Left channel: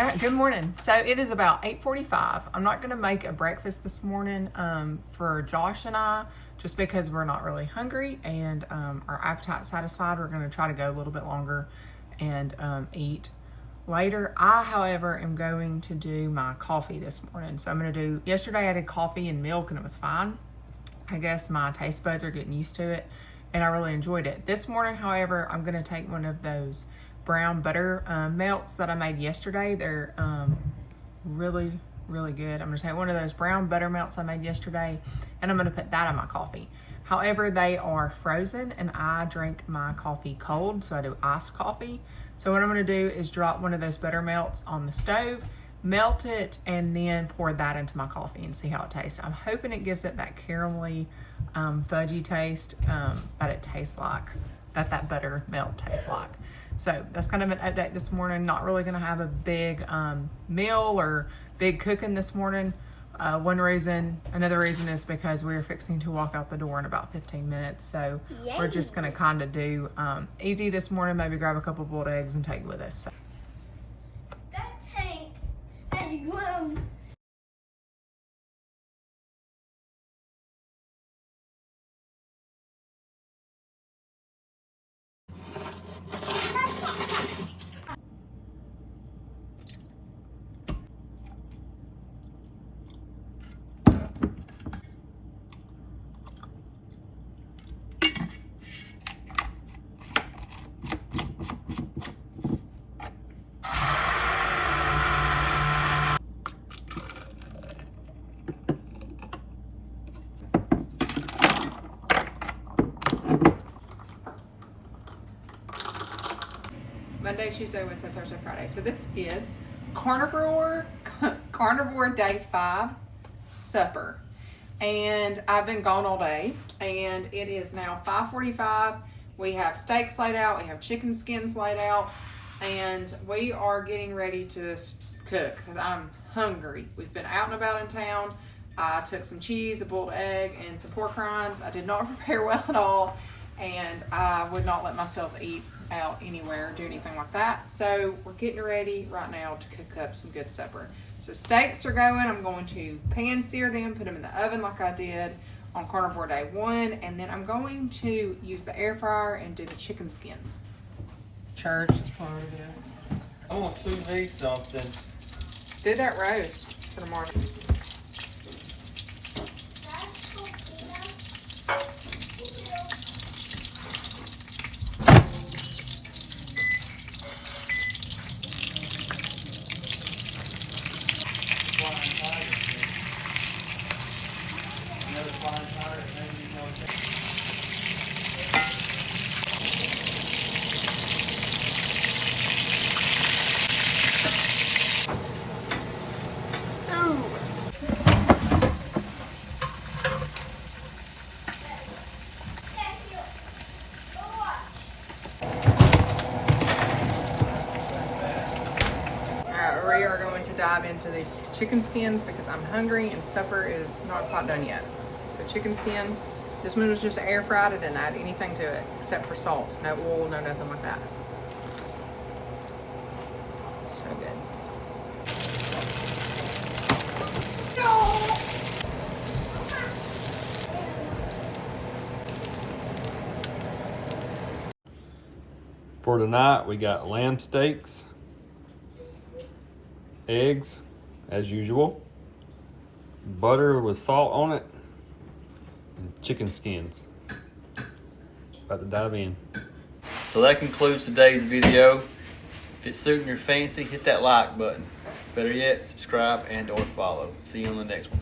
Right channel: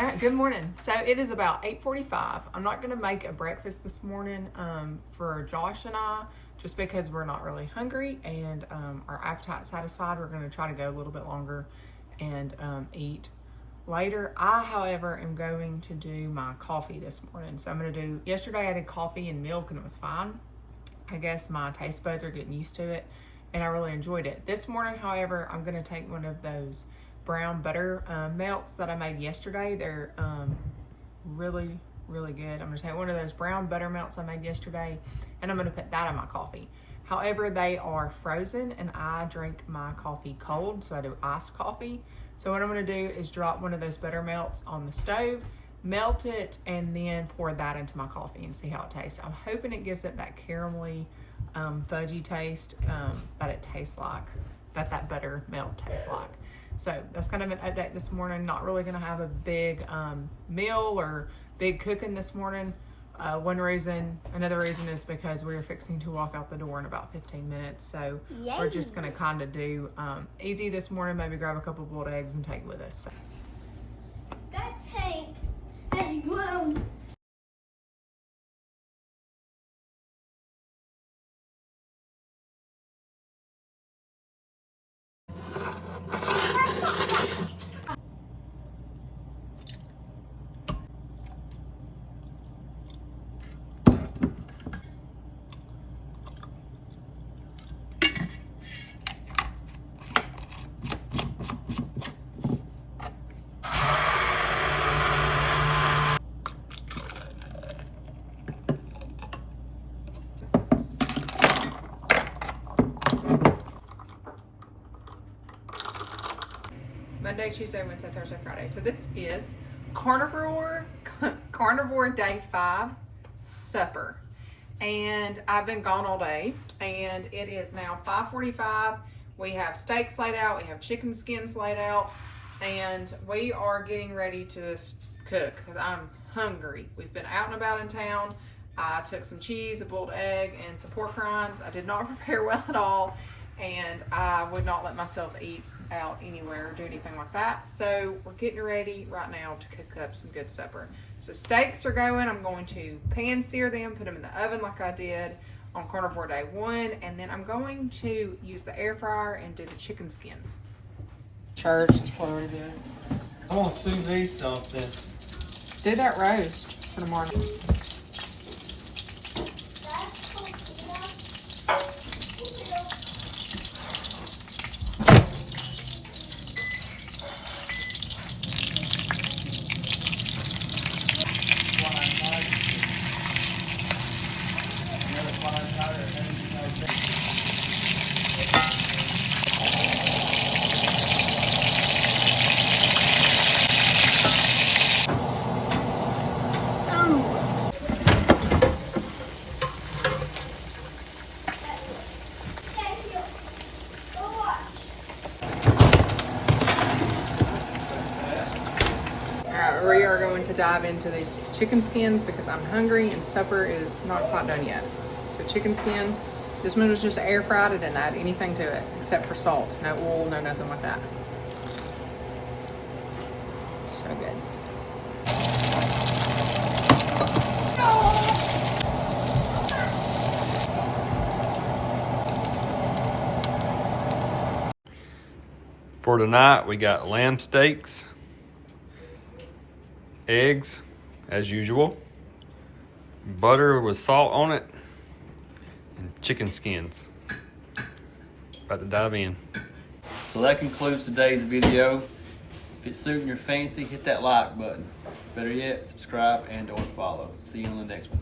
Good morning. So it is about 8:45. I'm not going to make a breakfast this morning for Josh and I, just because we're not really hungry and our appetite's satisfied. We're going to try to go a little bit longer and eat later. I, however, am going to do my coffee this morning. So I'm going to do, yesterday I did coffee and milk and it was fine. I guess my taste buds are getting used to it and I really enjoyed it. This morning, however, I'm going to take one of those brown butter melts that I made yesterday. They're really good. I'm going to take one of those brown butter melts I made yesterday and I'm going to put that in my coffee. However, they are frozen and I drink my coffee cold, so I do iced coffee. So what I'm going to do is drop one of those butter melts on the stove, melt it, and then pour that into my coffee and see how it tastes. I'm hoping it gives it that caramelly, fudgy taste that it tastes like, that butter melt tastes like. So that's kind of an update this morning. Not really going to have a big meal or big cooking this morning. Another reason is because we're fixing to walk out the door in about 15 minutes. So Yay. We're just going to kind of do easy this morning, maybe grab a couple boiled eggs and take with us. So. That tank has grown. Monday, Tuesday, Wednesday, Thursday, Friday. So this is Carnivore Day 5 supper. And I've been gone all day and it is now 5:45. We have steaks laid out, we have chicken skins laid out, and we are getting ready to cook because I'm hungry. We've been out and about in town. I took some cheese, a boiled egg, and some pork rinds. I did not prepare well at all, and I would not let myself eat out anywhere or do anything like that. So we're getting ready right now to cook up some good supper. So steaks are going. I'm going to pan sear them, put them in the oven like I did on Carnivore Day 1, and then I'm going to use the air fryer and do the chicken skins. Church. I want to do these something. Do that roast for tomorrow. We are going to dive into these chicken skins because I'm hungry and supper is not quite done yet. So chicken skin, this one was just air fried. I didn't add anything to it except for salt. No oil, no nothing like that. So good. For tonight, we got lamb steaks, eggs, as usual, butter with salt on it, and chicken skins. About to dive in. So that concludes today's video. If it's suiting your fancy, hit that like button. Better yet, subscribe and or follow. See you on the next one.